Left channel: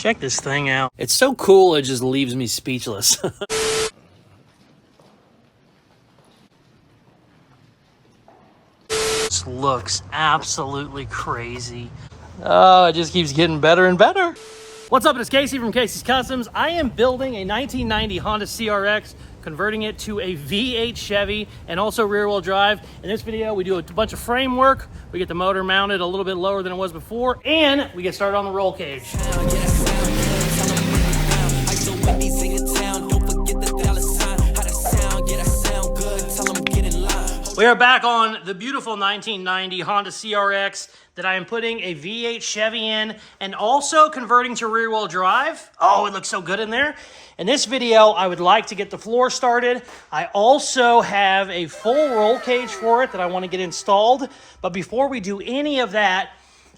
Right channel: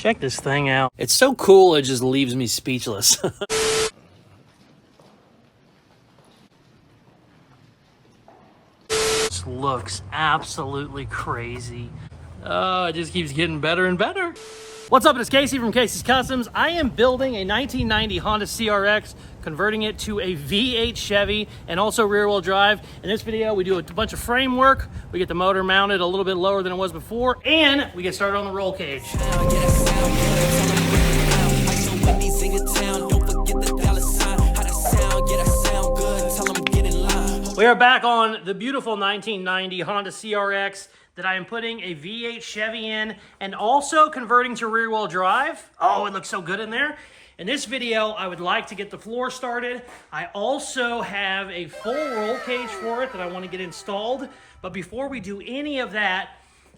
Check this thing out. It's so cool, it just leaves me speechless. This looks absolutely crazy. Oh, it just keeps getting better and better. What's up, it's Casey from Casey's Customs. I am building a 1990 Honda CRX, converting it to a V8 Chevy and also rear wheel drive. In this video, we do a bunch of frame work. We get the motor mounted a little bit lower than it was before, and we get started on the roll cage. We are back on the beautiful 1990 Honda CRX that I am putting a V8 Chevy in and also converting to rear wheel drive. Oh, it looks so good in there. In this video, I would like to get the floor started. I also have a full roll cage for it that I want to get installed. But before we do any of that,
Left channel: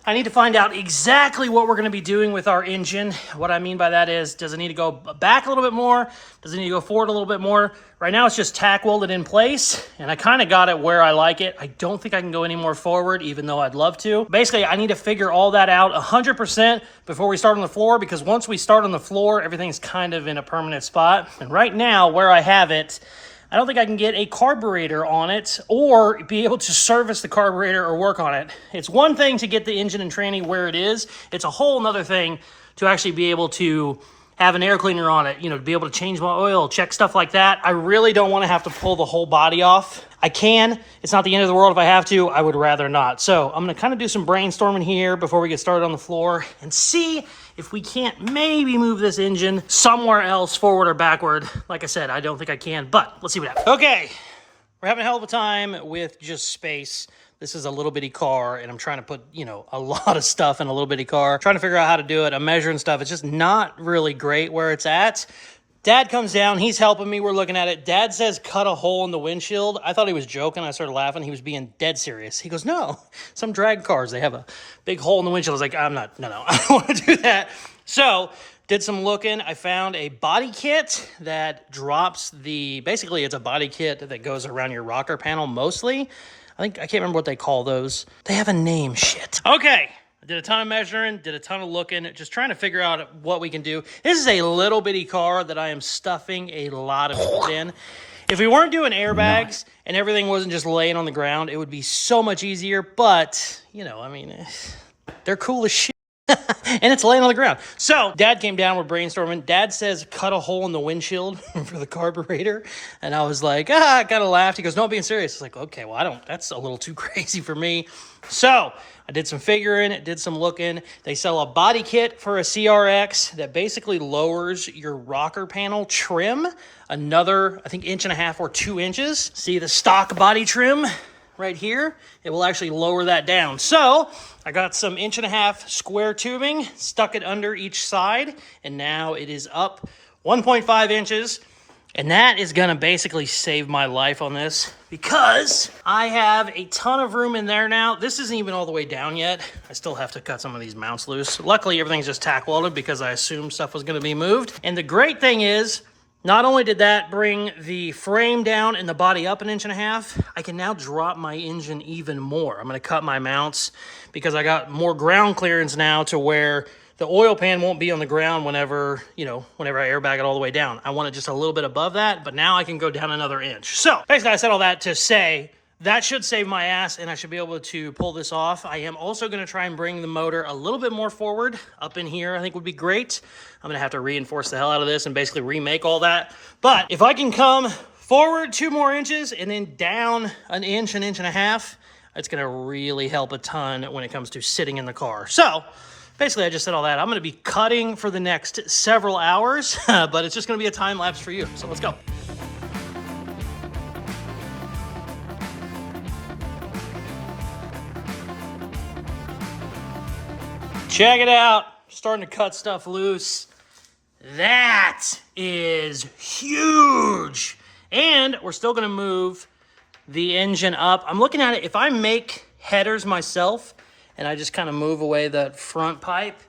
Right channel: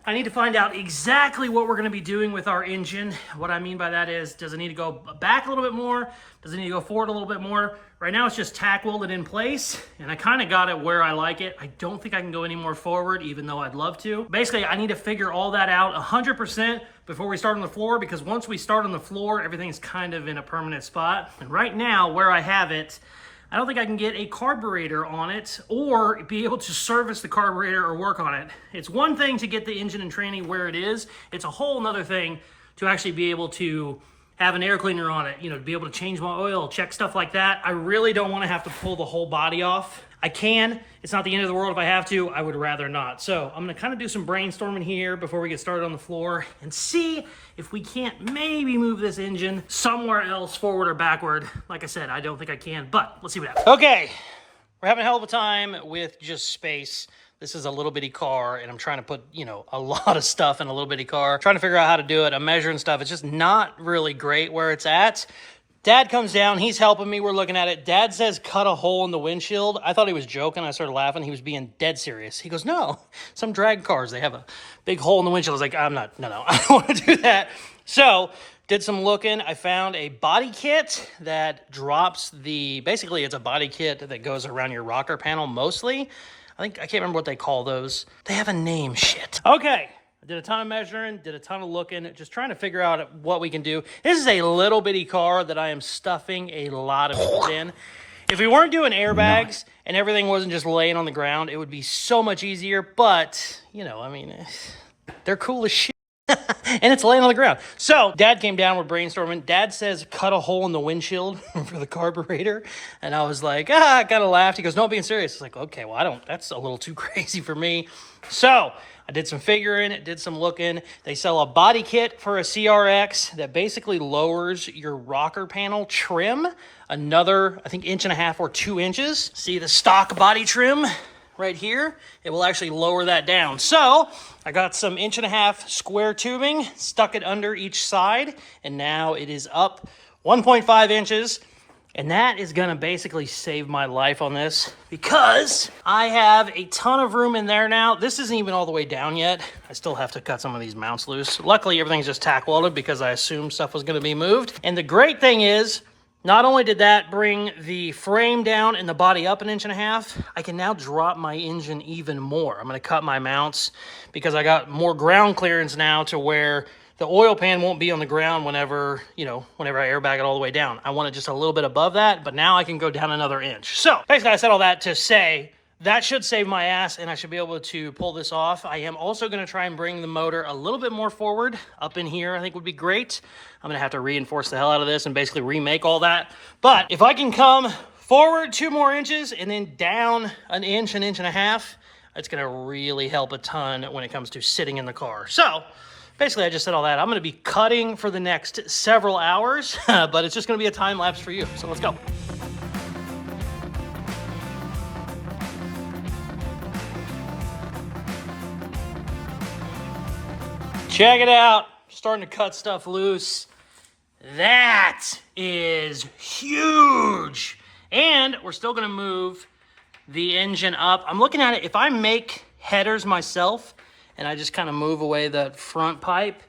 I need to find out exactly what we're going to be doing with our engine. What I mean by that is, does it need to go back a little bit more? Does it need to go forward a little bit more? Right now it's just tack welded in place, and I kind of got it where I like it. I don't think I can go any more forward, even though I'd love to. Basically, I need to figure all that out 100% before we start on the floor, because once we start on the floor, everything's kind of in a permanent spot. And right now, where I have it, I don't think I can get a carburetor on it or be able to service the carburetor or work on it. It's one thing to get the engine and tranny where it is. It's a whole nother thing to actually be able to have an air cleaner on it, you know, to be able to change my oil, check stuff like that. I really don't want to have to pull the whole body off. I can. It's not the end of the world if I have to. I would rather not. So I'm going to kind of do some brainstorming here before we get started on the floor and see if we can't maybe move this engine somewhere else, forward or backward. Like I said, I don't think I can, but let's see what happens. Okay, we're having a hell of a time with just space. This is a little bitty car, and I'm trying to put, you know, a lot of stuff in a little bitty car. Trying to figure out how to do it. I'm measuring stuff. It's just not really great where it's at. Dad comes down. He's helping me. We're looking at it. Dad says, cut a hole in the windshield. I thought he was joking. I started laughing. He was being dead serious. He goes, no, some drag cars, they have a big hole in the windshield. I was like, I'm not, no, I don't want to do that. So did some looking. I found a body kit that drops basically it's a body kit that goes around your rocker panel mostly. I can't remember what they call those. They have a name, shit. Okay, I did a ton of measuring, did a ton of looking, just trying to figure out what we can do. This is a little bitty car that I am stuffing a lot of shit in. If we weren't doing airbags and everything wasn't just laying on the ground, it would be so much easier. But, you know, I mean, they're cool as shit. And it's laying on the ground. So Dad came down, we're brainstorming. Dad says, cut a hole in the windshield for the carburetor. And I was like, I kind of laughed. He goes, no, I'm being serious. It's like, okay, well, that's a little too crazy for me. So I did some figuring, did some looking. They sell a body kit for a CRX that basically lowers your rocker panel trim another, I think, 1.5 inches or 2 inches. See the stock body trim right here? It will actually lower that down. So I got some 1.5 inch square tubing, stuck it under each side, and now it is up 1.5 inches. And that is gonna basically save my life on this because I have a ton of room in there now. This isn't even all the way down yet. I still have to cut some of these mounts loose. Luckily, everything's just tack welded because I assumed stuff was gonna be moved. And the great thing is, not only did that bring the frame down and the body up 1.5 inches, I can now drop my engine even more. I'm going to cut my mounts because I got more ground clearance now to where the oil pan won't be on the ground whenever I airbag it all the way down. I want it just a little bit above that, but now I can go down another inch. So basically, I said all that to say that should save my ass and I should be able to pull this off. I am also going to try and bring the motor a little bit more forward up in here. I think would be great. I'm going to have to reinforce the hell out of this and basically remake all that. But if I can come forward 2 more inches and then down 1 inch, 1.5 inches, it's going to really help a ton when it comes to sitting in the car. So basically, I just said all that. I'm going to be cutting for the next several hours, but it's just going to be a time lapse for you. So let's go. Check it out. Starting to cut stuff loose. That is huge. And we're still going to move the engine up. I'm looking at it. If I make headers myself and I just kind of move away that front pipe,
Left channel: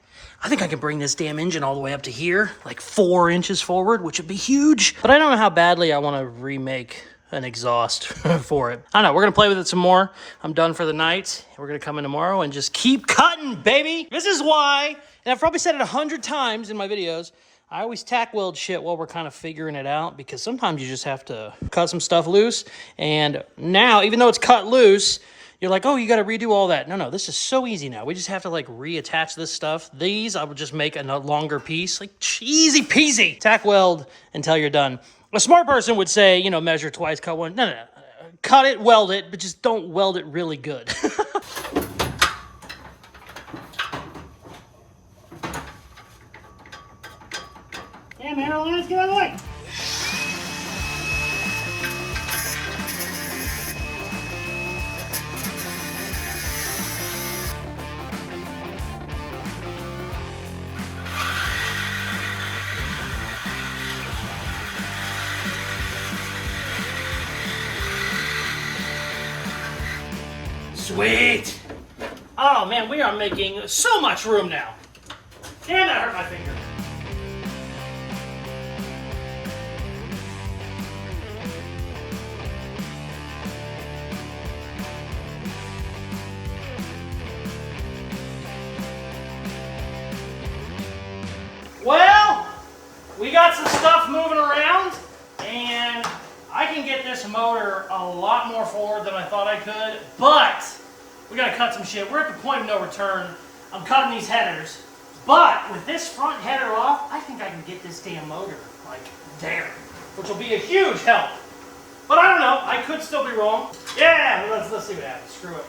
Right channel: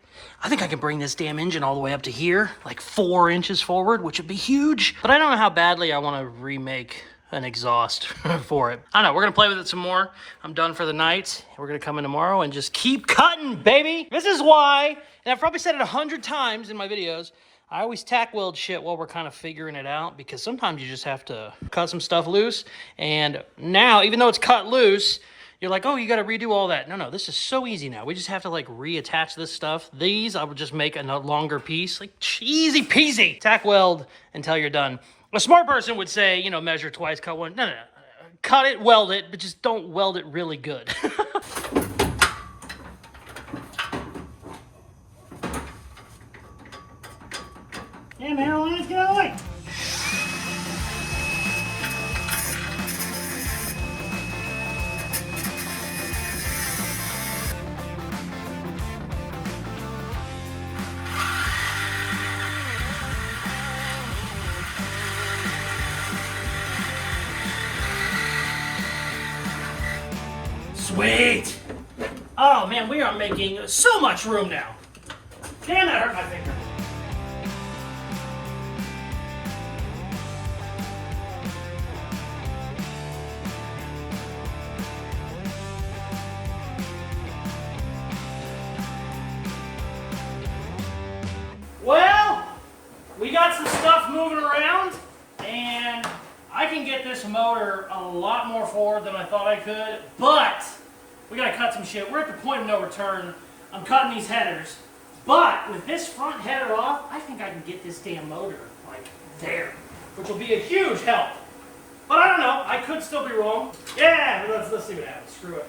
I think I can bring this damn engine all the way up to here, like 4 inches forward, which would be huge. But I don't know how badly I want to remake an exhaust for it. I don't know, we're gonna play with it some more. I'm done for the night. We're gonna come in tomorrow and just keep cutting, baby. This is why, and I've probably said it 100 times in my videos, I always tack weld shit while we're kind of figuring it out, because sometimes you just have to cut some stuff loose. And now, even though it's cut loose, you're like, oh, you got to redo all that. No, this is so easy now. We just have to like reattach this stuff. These, I would just make a longer piece, like easy peasy. Tack weld until you're done. A smart person would say, you know, measure twice, cut one. No. Cut it, weld it, but just don't weld it really good. Yeah, man, let's get out of the way. Sweet. Oh man, we are making so much room now. Damn, that hurt my finger. Well, we got some stuff moving around, and I can get this motor a lot more forward than I thought I could, but we gotta cut some shit. We're at the point of no return. I'm cutting these headers, but with this front header off, I think I can get this damn motor like there, which will be a huge help. But I don't know, I could still be wrong. Yeah, let's see what happens. Screw it.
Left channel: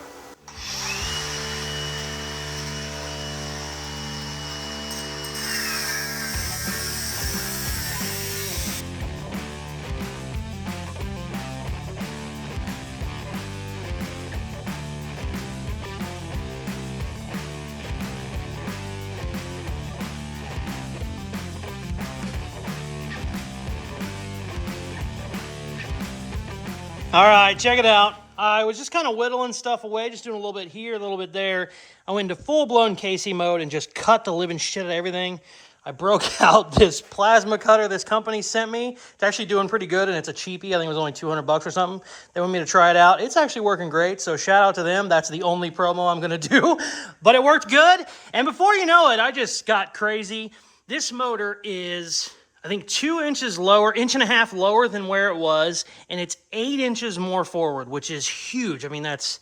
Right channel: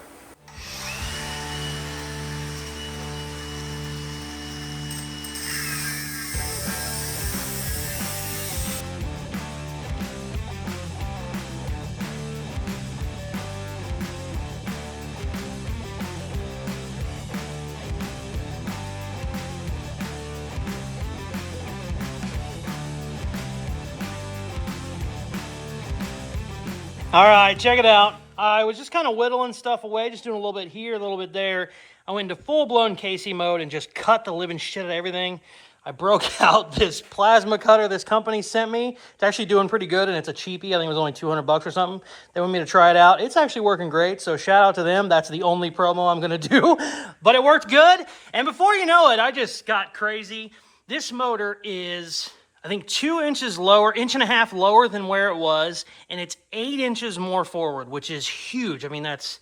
All right, check it out. I was just kind of whittling stuff away, just doing a little bit here, a little bit there. I went into full-blown Casey mode and just cut the living shit out of everything. I broke out this plasma cutter this company sent me. It's actually doing pretty good, and it's a cheapie. I think it was only 200 bucks or something. They want me to try it out. It's actually working great, so shout out to them. That's the only promo I'm going to do, but it worked good. And before you know it, I just got crazy. This motor is, I think, 2 inches lower, 1.5 inches lower than where it was, and it's 8 inches more forward, which is huge. I mean, that's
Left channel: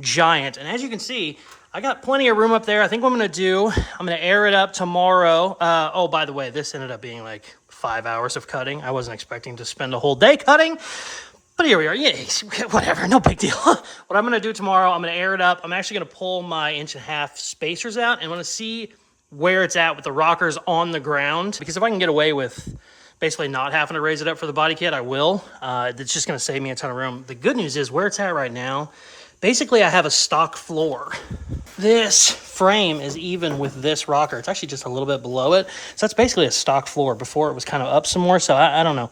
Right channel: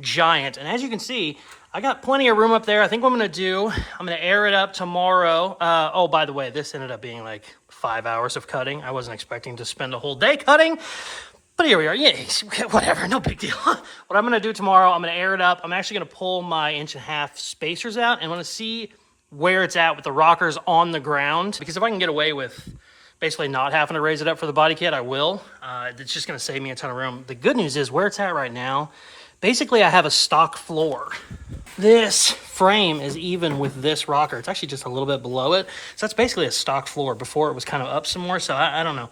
giant. And as you can see, I got plenty of room up there. I think what I'm going to do, I'm going to air it up tomorrow. Oh, by the way, this ended up being like 5 hours of cutting. I wasn't expecting to spend a whole day cutting, but here we are. Yeah, whatever, no big deal. What I'm going to do tomorrow, I'm going to air it up. I'm actually going to pull my 1.5 inch spacers out, and I'm going to see where it's at with the rockers on the ground, because if I can get away with basically not having to raise it up for the body kit, I will. It's just going to save me a ton of room. The good news is where it's at right now, basically I have a stock floor. This frame is even with this rocker. It's actually just a little bit below it. So that's basically a stock floor. Before it was kind of up some more. So I don't know.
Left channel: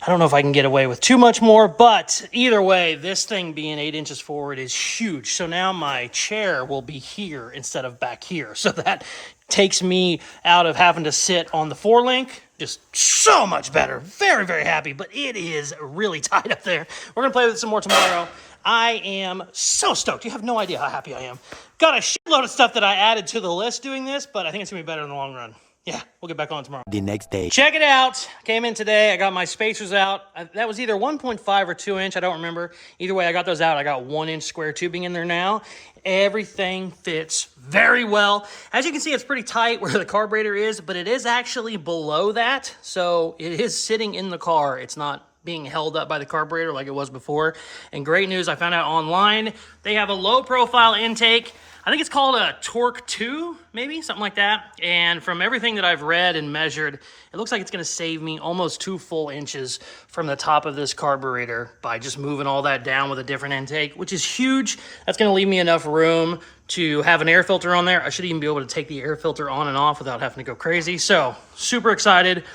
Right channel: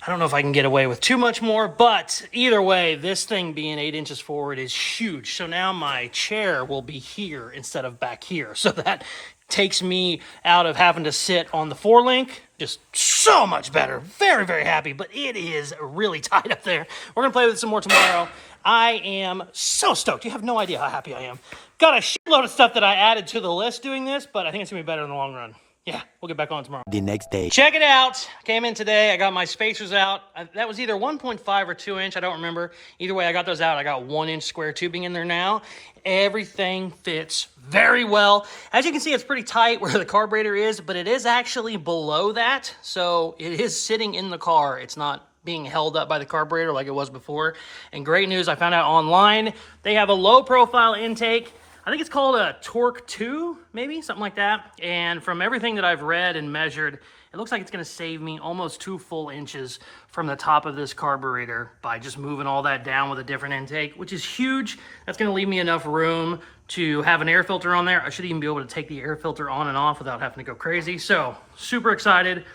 I don't know if I can get away with too much more, but either way, this thing being 8 inches forward is huge. So now my chair will be here instead of back here. So that takes me out of having to sit on the 4-link. Just so much better. Very, very happy, but it is really tight up there. We're going to play with it some more tomorrow. I am so stoked. You have no idea how happy I am. Got a shitload of stuff that I added to the list doing this, but I think it's going to be better in the long run. Yeah, we'll get back on tomorrow. The next day. Check it out. Came in today. I got my spacers out. That was either 1.5 or 2 inch. I don't remember. Either way, I got those out. I got 1 inch square tubing in there now. Everything fits very well. As you can see, it's pretty tight where the carburetor is, but it is actually below that. So it is sitting in the car. It's not being held up by the carburetor like it was before. And great news, I found out online, they have a low profile intake. I think it's called a Torque 2, maybe, something like that. And from everything that I've read and measured, it looks like it's gonna save me almost 2 full inches from the top of this carburetor by just moving all that down with a different intake, which is huge. That's gonna leave me enough room to have an air filter on there. I should even be able to take the air filter on and off without having to go crazy. So, super excited.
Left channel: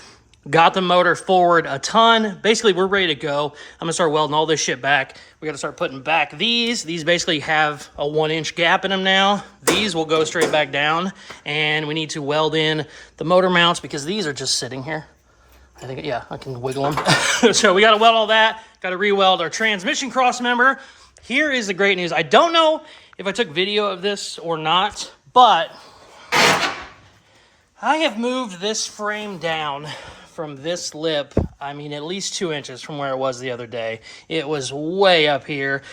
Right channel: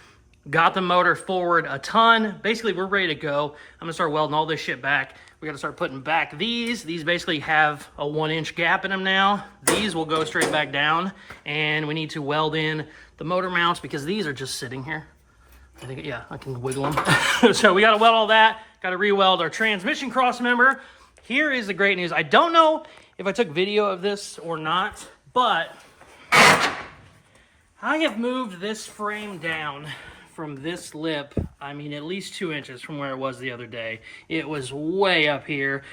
Got the motor forward a ton. Basically, we're ready to go. I'm gonna start welding all this shit back. We gotta start putting back these. These basically have a 1 inch gap in them now. These will go straight back down, and we need to weld in the motor mounts because these are just sitting here. I think, yeah, I can wiggle them. So we got to weld all that. Got to re-weld our transmission cross member. Here is the great news. I don't know if I took video of this or not, but I have moved this frame down from this lip, I mean, at least 2 inches from where it was the other day. It was way up here,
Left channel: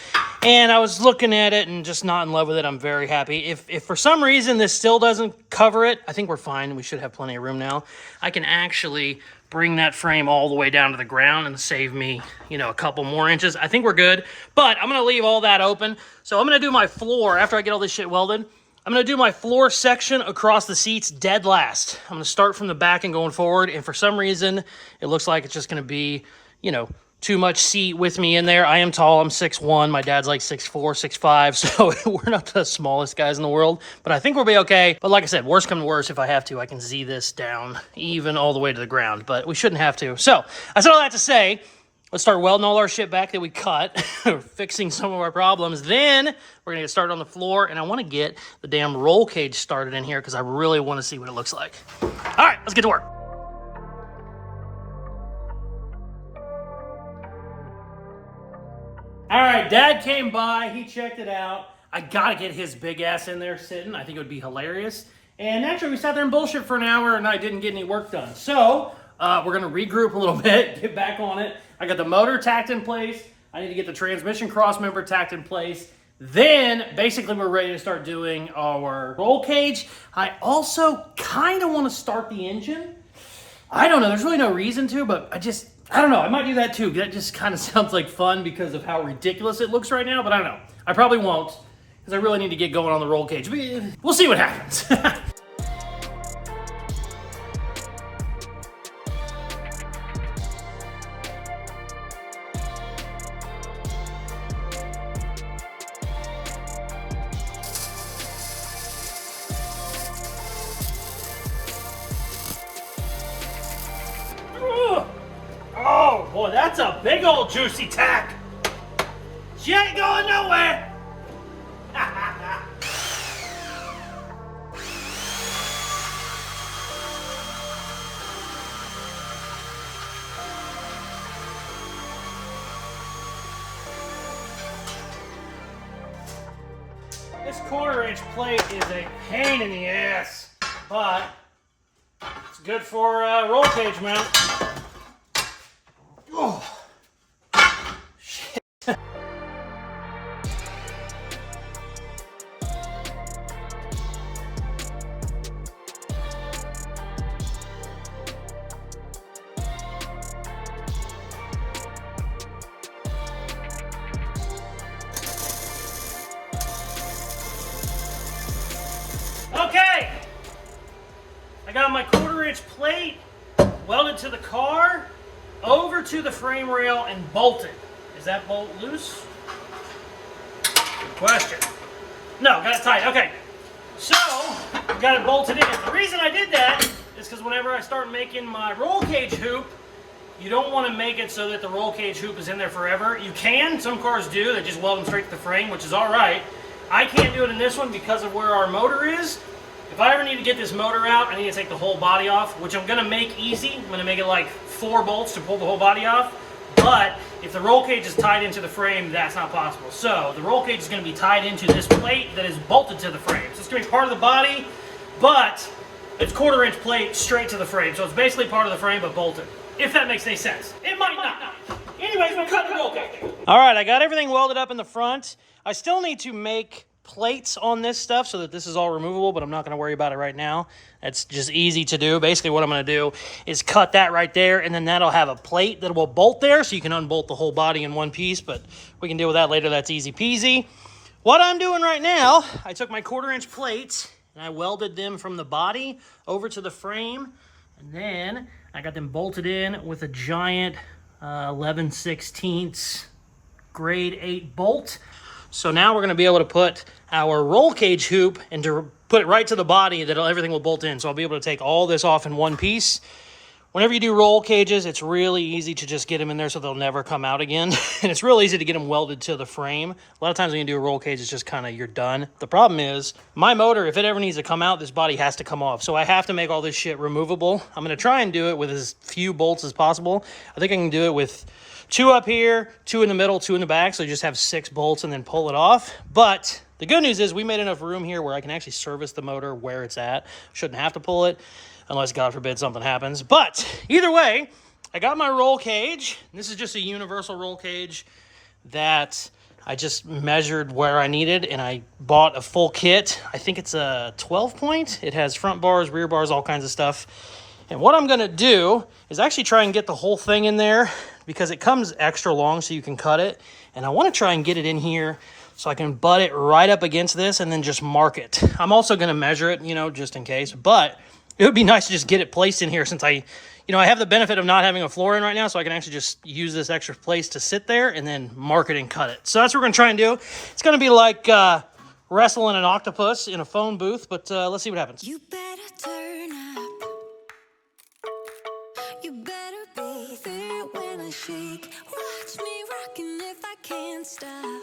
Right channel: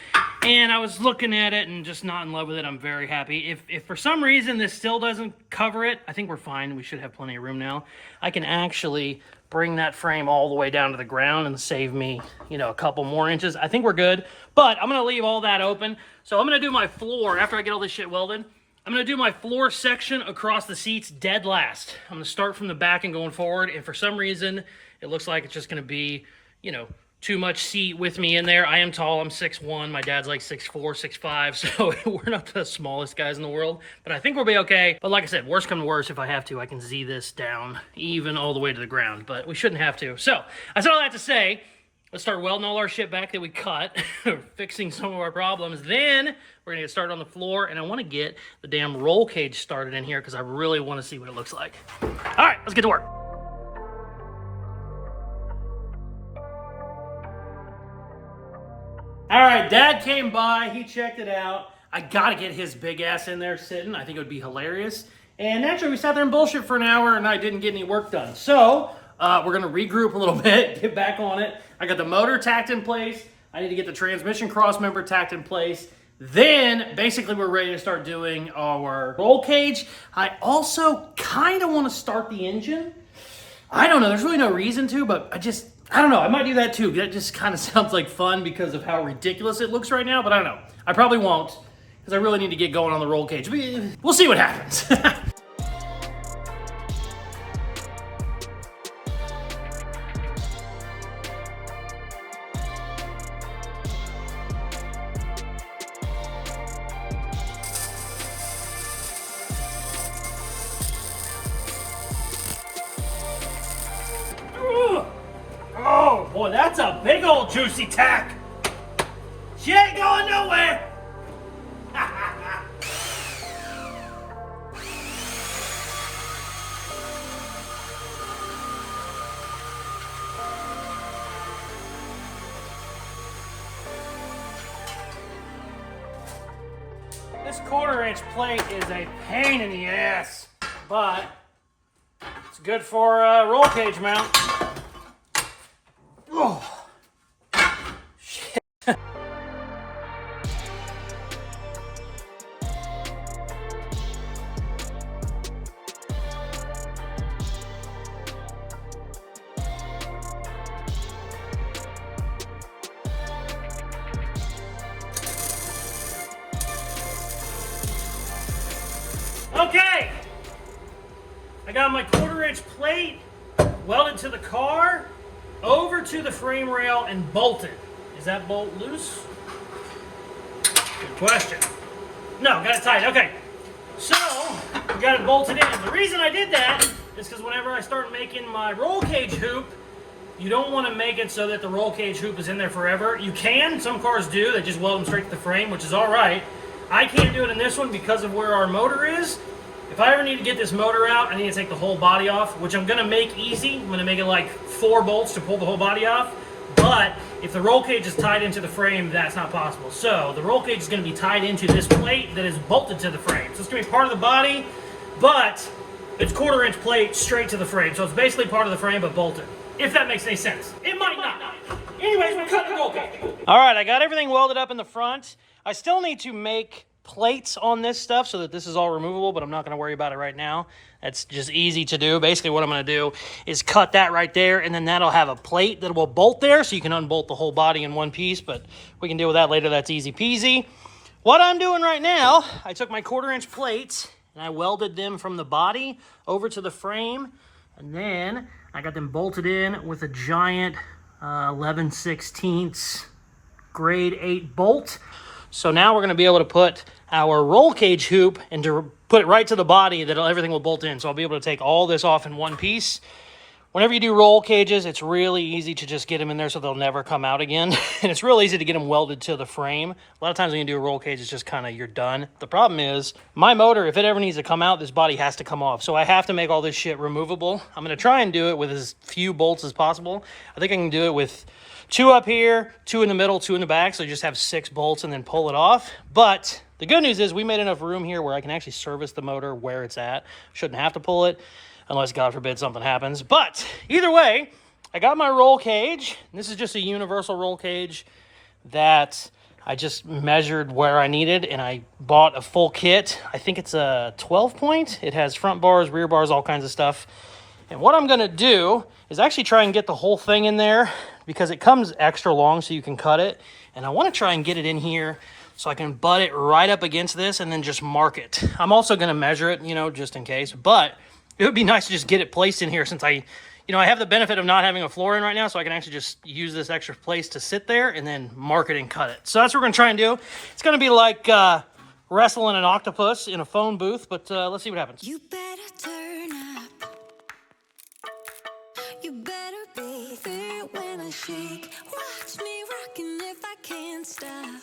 and I was looking at it and just not in love with it. I'm very happy. If for some reason this still doesn't cover it, I think we're fine. We should have plenty of room now. I can actually bring that frame all the way down to the ground and save me, you know, a couple more inches. I think we're good, but I'm gonna leave all that open. So I'm gonna do my floor after I get all this shit welded. I'm going to do my floor section across the seats dead last. I'm going to start from the back and going forward, and for some reason, it looks like it's just going to be, you know, too much seat with me in there. I am tall. I'm 6'1". My dad's like 6'4", 6'5", so we're not the smallest guys in the world, but I think we'll be okay. But like I said, worst come to worst, if I have to, I can Z this down even all the way to the ground, but we shouldn't have to. So I said all that to say, let's start welding all our shit back that we cut, fixing some of our problems. Then we're gonna get started on the floor, and I wanna get the damn roll cage started in here because I really wanna see what it looks like. All right, let's get to work. All right, Dad came by, he checked it out. I gotta get his big ass in there sitting. I think it would be hilarious. And naturally, we sat there and bullshit for an hour, and I didn't get any work done. So we're gonna regroup a little bit, get back on it. I got the motor tacked in place. I need to get the transmission cross member tacked in place. Then basically we're ready to start doing our roll cage. I also kind of want to start the engine. I don't know, there's really no reason to, but I don't know, I might do that too. That just kind of sounds like fun because of how ridiculous it looks right now, but I don't know. I probably won't because I really need to get going on the roll cage. We'll see what happens. Oh boy, that's a big old juicy tack. She ain't going nowhere. This 1/4-inch plate is a pain in the ass, but it's good for roll cage mount. Oh, shit. Okay, I got my 1/4-inch plate welded to the car, over to the frame rail, and bolted. Is that bolt loose? Good question. No, got it tight. Okay, so we got it bolted in. The reason I did that is because whenever I start making my roll cage hoop, you don't want to make it so that the roll cage hoop is in there forever. You can, some cars do, they just weld them straight to the frame, which is all right. I can't do it in this one because of where our motor is. If I ever need to get this motor out, I need to take the whole body off, which I'm going to make easy. I'm going to make it like 4 bolts to pull the whole body off. But if the roll cage is tied into the frame, that's not possible. So the roll cage is going to be tied into this plate that is bolted to the frame. So it's going to be part of the body, but it's 1/4-inch plate straight to the frame. So it's basically part of the frame, but bolted. If that makes any sense. It might not. Anyways, we're cutting the roll cage. All right, I got everything welded up in the front. I still need to make plates on this stuff so that this is all removable, but I'm not going to worry about it right now. That's just easy to do. Basically what I'm going to do is cut that right there, and then that'll have a plate that will bolt there, so you can unbolt the whole body in one piece, but we can deal with that later. That's easy peasy. What I'm doing right now, I took my 1/4-inch plates and I welded them from the body over to the frame, and then I got them bolted in with a giant 11/16 grade 8 bolt. So now we're going to be able to put our roll cage hoop and to put it right to the body that everything will bolt in. So I'll be able to take all this off in one piece. Whenever you do roll cages, it's really easy to just get them in there so they'll never come out again. And it's real easy to get them welded to the frame. A lot of times when you do a roll cage, it's just kind of, you're done. The problem is, my motor, if it ever needs to come out, this body has to come off. So I have to make all this shit removable. I'm going to try and do it with as few bolts as possible. I think I can do it with 2 up here, 2 in the middle, 2 in the back. So you just have 6 bolts and then pull it off. But the good news is we made enough room here where I can actually service the motor where it's at. Shouldn't have to pull it, unless, God forbid, something happens. But either way, I got my roll cage. This is just a universal roll cage that I just measured where I needed, and I bought a full kit. I think it's a 12-point. It has front bars, rear bars, all kinds of stuff. And what I'm going to do is actually try and get the whole thing in there because it comes extra long so you can cut it. And I want to try and get it in here so I can butt it right up against this and then just mark it. I'm also going to measure it, you know, just in case. But it would be nice to just get it placed in here since I have the benefit of not having a floor in right now, so I can actually just use this extra place to sit there and then mark it and cut it. So that's what we're going to try and do. It's going to be like wrestling an octopus in a phone booth, but let's see what happens. You better turn up. You better be there when I shake. Watch me rocking if I can't stop.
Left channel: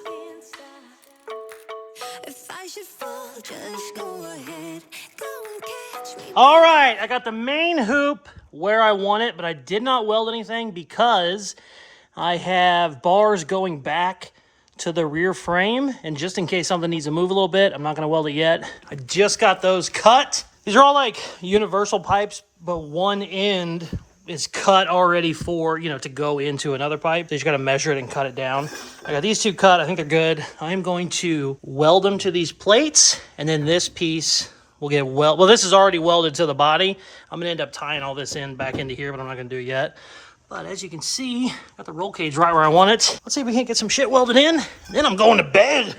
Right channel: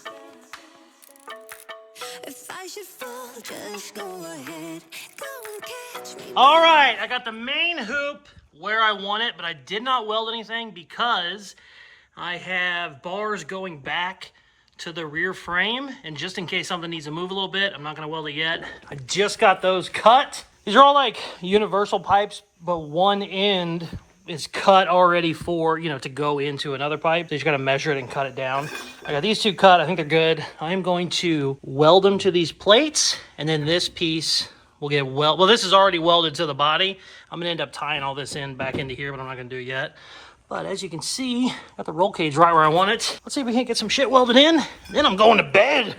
If I should fall, just go ahead. Go and catch me. All right, I got the main hoop where I want it, but I did not weld anything because I have bars going back to the rear frame. And just in case something needs to move a little bit, I'm not going to weld it yet. I just got those cut. These are all like universal pipes, but one end is cut already for, to go into another pipe. So you just got to measure it and cut it down. I got these 2 cut. I think they're good. I'm going to weld them to these plates, and then this piece will get well, this is already welded to the body. I'm going to end up tying all this in back into here, but I'm not going to do it yet. But as you can see, got the roll cage right where I want it. Let's see if we can't get some shit welded in. Then I'm going to bed.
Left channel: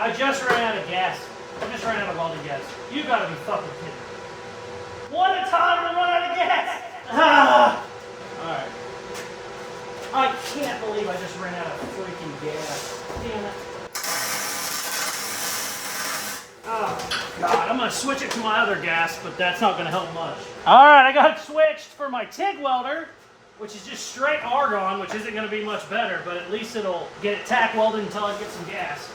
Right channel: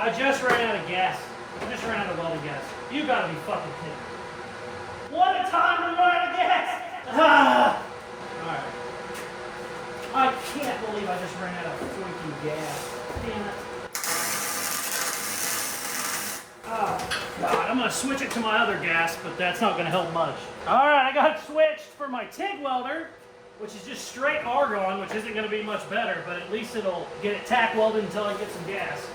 I just ran out of gas. I just ran out of welding gas. You gotta be fucking kidding me. What a time to run out of gas! Ah! Alright. I can't believe I just ran out of freaking gas. Damn it. Oh, God. I'm gonna switch it to my other gas, but that's not gonna help much. Alright, I got it switched for my TIG welder, which is just straight argon, which isn't gonna be much better, but at least it'll get it tack welded until I get some gas.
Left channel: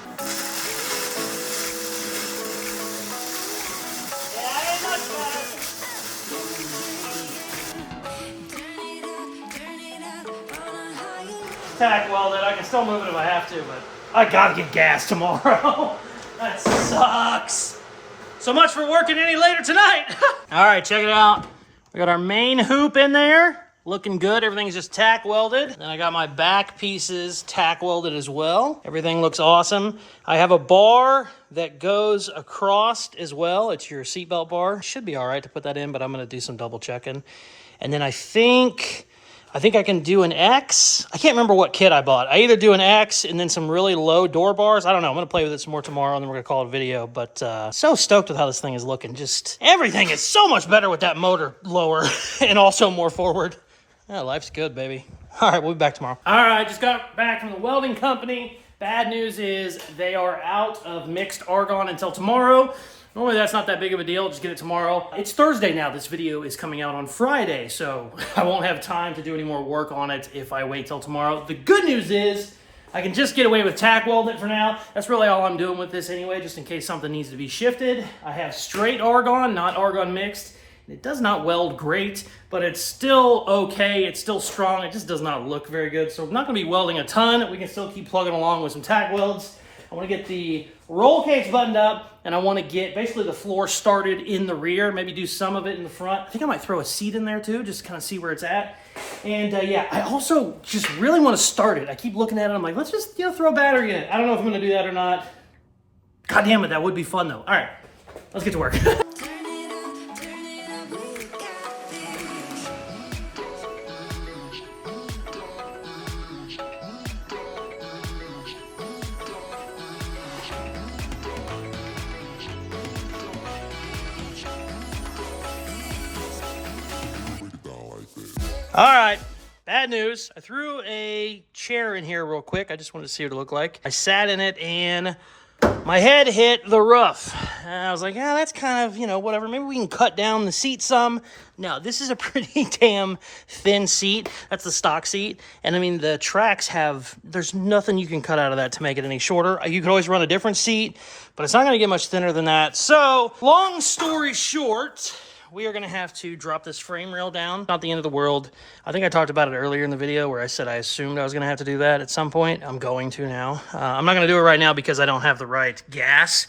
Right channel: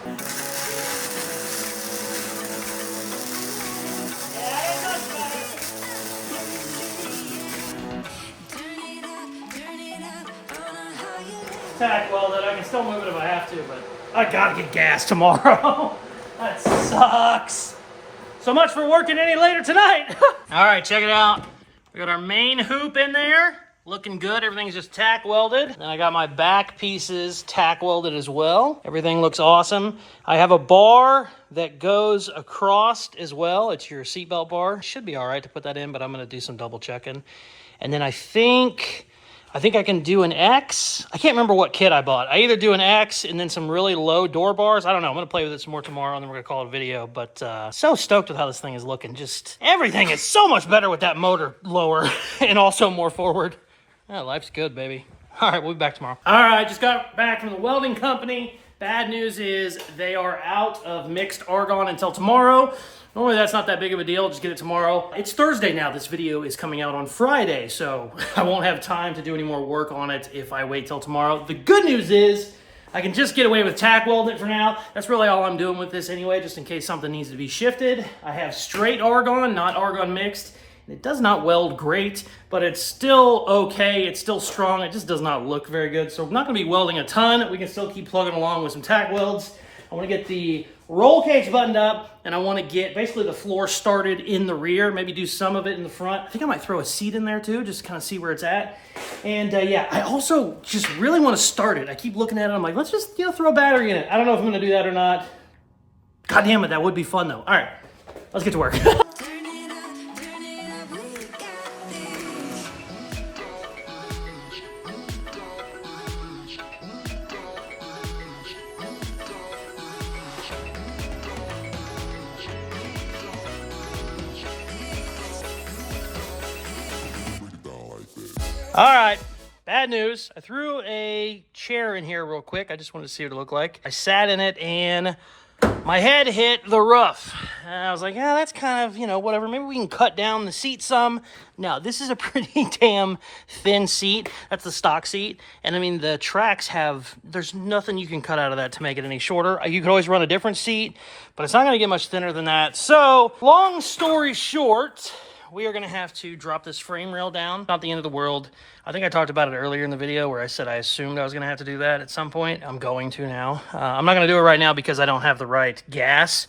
Tack welded. I can still move it if I have to, but I gotta get gas tomorrow. That sucks. So much for working any later tonight. All right, check it out. We got our main hoop in there. Looking good. Everything's just tack welded. And I got my back pieces tack welded as well. Everything looks awesome. I have a bar that goes across as well. It's your seatbelt bar. Should be all right to put that in, but I'm going to do some double checking. And then I think I can do an X. I can't remember what kit I bought. I either do an X and then some really low door bars. I don't know. I'm going to play with it some more tomorrow, and then we're going to call it a video. But so stoked with how this thing is looking. Just everything is so much better with that motor lower and also more forward. Yeah, life's good, baby. All right, we'll be back tomorrow. All right, just got back from the welding company. Bad news is they are out of mixed argon until tomorrow. Normally that's not that big of a deal, just get it tomorrow. It's Thursday now, this video is coming out on Friday, so I won't have time to do any more work on it if I wait till tomorrow. The good news is I can just get away with tack welding it for now. That's really all I'm doing with this anyway, just in case something needs to be shifted. I have straight argon, not argon mixed. It does not weld great, but it's still okay. It's still strong. It just does not look very good. So I'm not going to be welding a ton. We can still keep plugging along with some tack welds. I want to get the roll cage buttoned up, and I want to get basically the floor started in the rear, maybe do some of it in the front. I think I might throw a seat in there too, just to kind of see where it's at. And yeah, I also just really want to start it. I keep looking at it. I'm like, let's just throw a battery in it. I don't know if I'm going to do that or not. God damn it, that would be fun though. All right, let's get to work. All right, Bad news. I threw a chair in here real quick. I just wanted to see what it looked like. I sat in it and my head hit the roof. And I was like, yeah, that's kind of, you know, whatever. Maybe we can cut down the seat some. No, this is a pretty damn thin seat. That's the stock seat. And I mean, the tracks have, there's nothing you can cut out of that to make it any shorter. You could always run a different seat, but it's not going to get much thinner than that. So, long story short, we are going to have to drop this frame rail down. Not the end of the world. I think I talked about it earlier in the video where I said I assumed I was going to have to do that at some point. I'm going to now. I'm not going to do it right now because I don't have the right gas.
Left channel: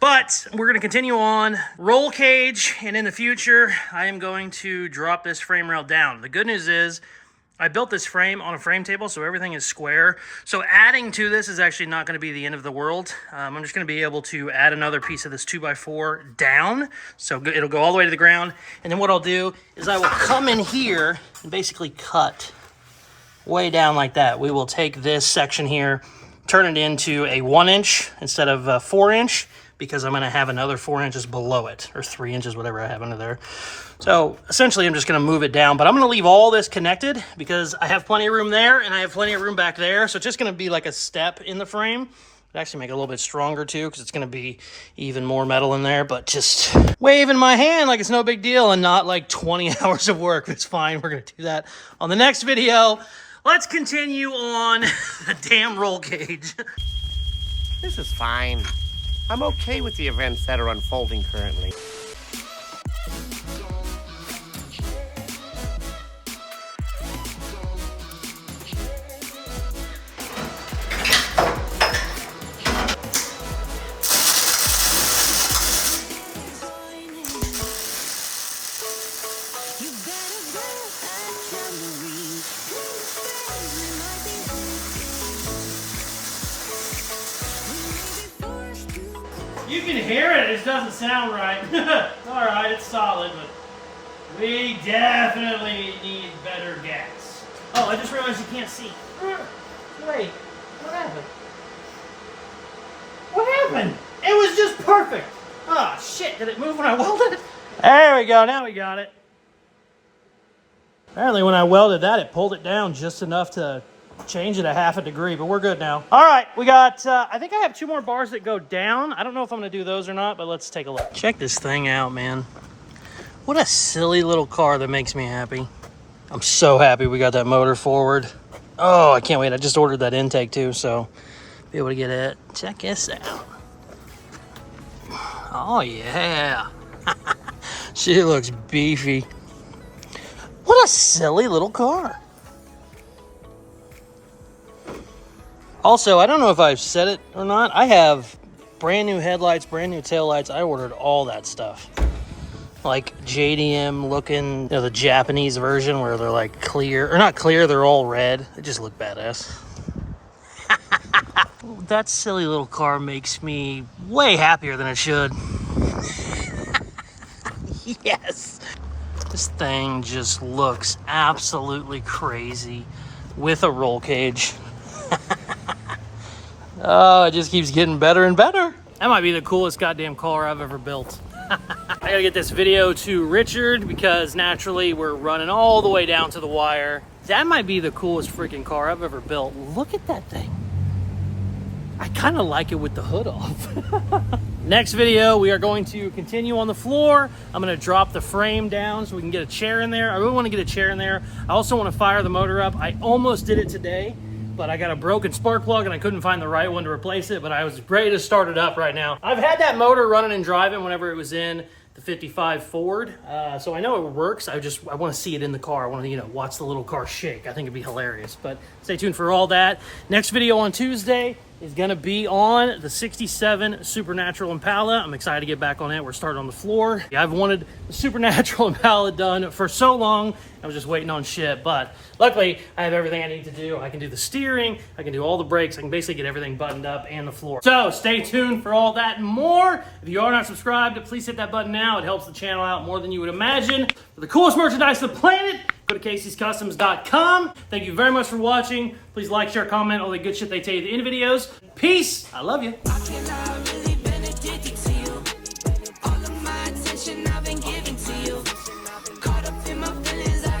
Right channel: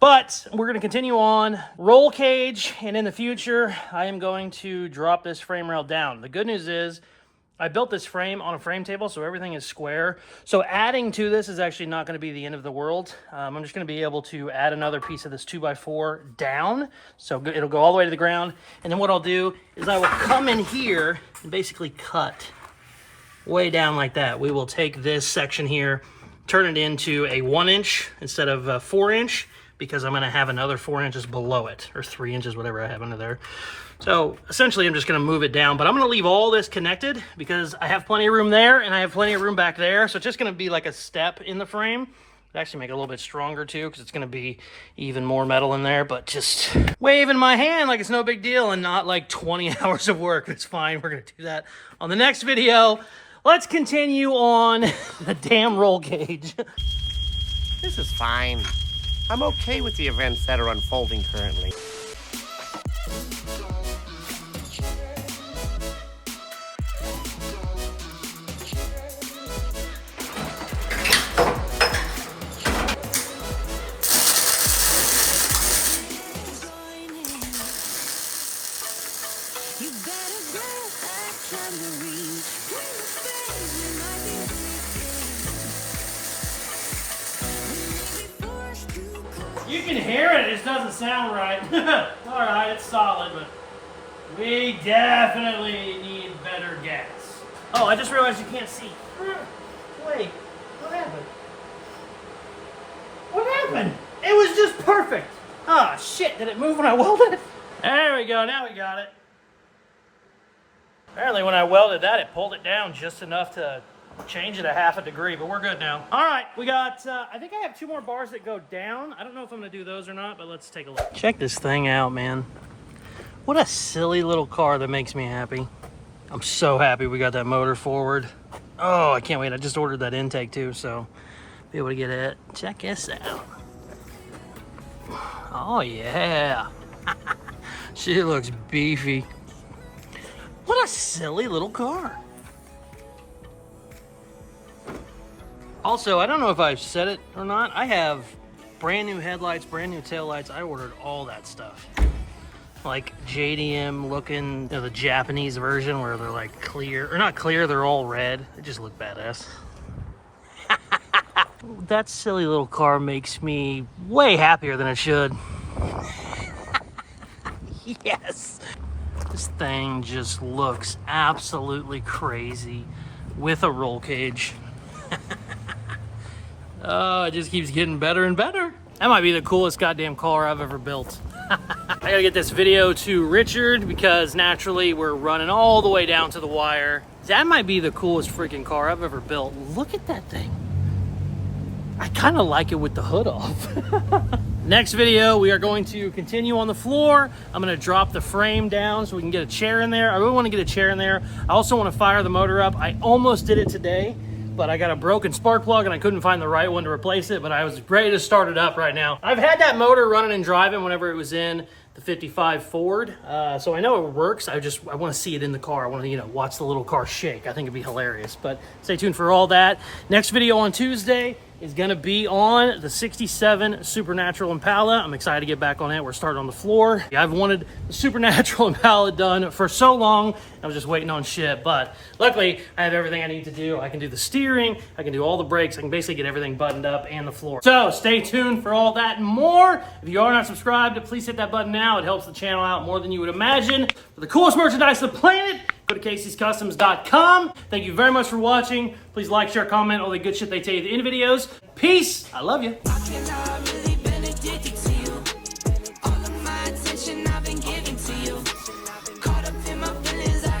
But we're going to continue on. Roll cage, and in the future, I am going to drop this frame rail down. The good news is, I built this frame on a frame table, so everything is square. So adding to this is actually not going to be the end of the world. I'm just going to be able to add another piece of this 2x4 down. So it'll go all the way to the ground. And then what I'll do is I will come in here and basically cut way down like that. We will take this section here, turn it into a 1-inch instead of a 4-inch, because I'm going to have another 4 inches below it, or 3 inches, whatever I have under there. So essentially I'm just going to move it down, but I'm going to leave all this connected because I have plenty of room there and I have plenty of room back there. So it's just going to be like a step in the frame. It actually make it a little bit stronger too, because it's going to be even more metal in there, but just waving my hand like it's no big deal and not like 20 hours of work. It's fine. We're going to do that on the next video. Let's continue on the damn roll cage. This is fine. I'm okay with the events that are unfolding currently. You better grab that tambourine. When the phase we might be waiting. We may be forced to call. You can hear it, it just doesn't sound right. All right, it's solid, but we definitely need better gas. Oh, I just realized you can't see. Wait, what happened? What happened? It was just perfect. Oh, shit, did it move when I welded it? There we go, now we got it. Apparently when I welded that, it pulled it down just enough to change it a half a degree, but we're good now. All right, we got, I think I have 2 more bars that go down. I don't know if I'm gonna do those or not, but let's take a look. Check this thing out, man. What a silly little car that makes me happy. I'm so happy we got that motor forward. Oh, I can't wait. I just ordered that intake too, so be able to get it. Check this out. Oh yeah. She looks beefy. What a silly little car. Also, I don't know if I've said it or not. I have brand new headlights, brand new taillights. I ordered all that stuff. Like JDM looking, you know, the Japanese version where they're like clear, or not clear, they're all red. They just look badass. That silly little car makes me way happier than it should. Yes. This thing just looks absolutely crazy with a roll cage. Oh, it just keeps getting better and better. That might be the coolest goddamn car I've ever built. I gotta get this video to Richard because naturally we're running all the way down to the wire. That might be the coolest freaking car I've ever built. Look at that thing. I kind of like it with the hood off. Next video, we are going to continue on the floor. I'm going to drop the frame down so we can get a chair in there. I really want to get a chair in there. I also want to fire the motor up. I almost did it today, but I got a broken spark plug and I couldn't find the right one to replace it, but I was ready to start it up right now. I've had that motor running and driving whenever it was in the 55 Ford, so I know it works. I want to see it in the car. I want to, you know, watch the little car shake. I think it'd be hilarious, but stay tuned for all that. Next video on Tuesday is going to be on the 67 Supernatural Impala. I'm excited to get back on it. We're starting on the floor. I've wanted the Supernatural Impala done for so long. I was just waiting on shit, but luckily I have everything I need to do. I can do the steering, I can do all the brakes, I can basically get everything buttoned up and the floor. So stay tuned for all that and more. If you are not subscribed, please hit that button now. It helps the channel out more than you would imagine. For the coolest merchandise on the planet, go to Caseyscustoms.com. Thank you very much for watching. Please like, share, comment, all the good shit they tell you at the end of videos. Peace. I love you. I cannot really been addicted to you. All of my attention I've been giving to you. Caught up in my feelings.